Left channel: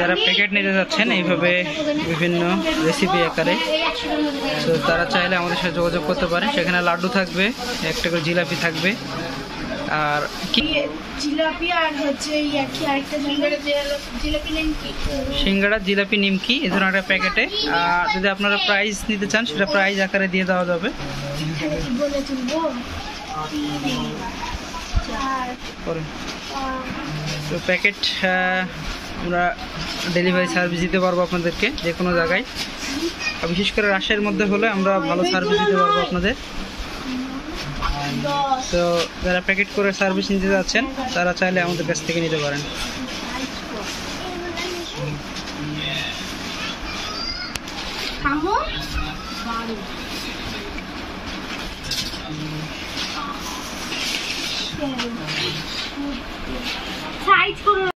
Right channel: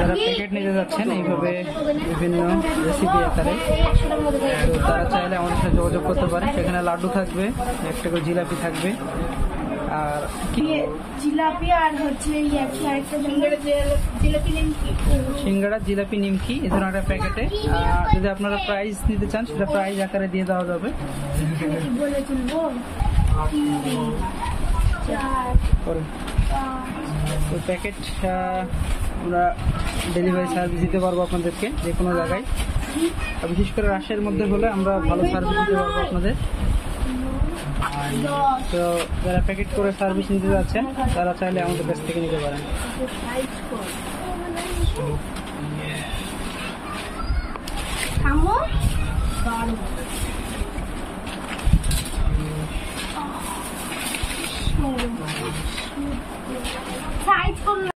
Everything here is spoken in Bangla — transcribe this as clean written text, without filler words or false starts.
যারা প্যাকেট নিতে যাচ্ছেন এইভাবে বিভিন্ন রেসিপি আকারে, তো তারা চাইলে আমাদের সাথে যোগাযোগ করতে পারেন। সেখানে লাড্ডু থাকবে, একটা করে জিলাপি থাকবে, আর কি জিলাপি আর হচ্ছে আরেকটা সিঙ্গাড়া, জিলাপি, নিমকি এই ধরনের একটা প্যাকেটে। আর যদি আপনারা প্রাইস নিতে চান সেটা প্রাইস আকারে দিয়ে দেওয়া যাবে। তো প্যাকেট আমরা ডেলিভারি সার্ভিস দিতে পারবো আপনাদেরকে যে কোনো জায়গায়। বিশেষ করে রাজশাহীর মধ্যে হলে আমরা ভালো সার্ভিস দিতে পারবো আপনাদের। তো যারা প্যাকেট করে সার্ভিস নিতে যাচ্ছেন তারা চাইলে আমাদের কাছ থেকে নিতে পারেন। সাইজ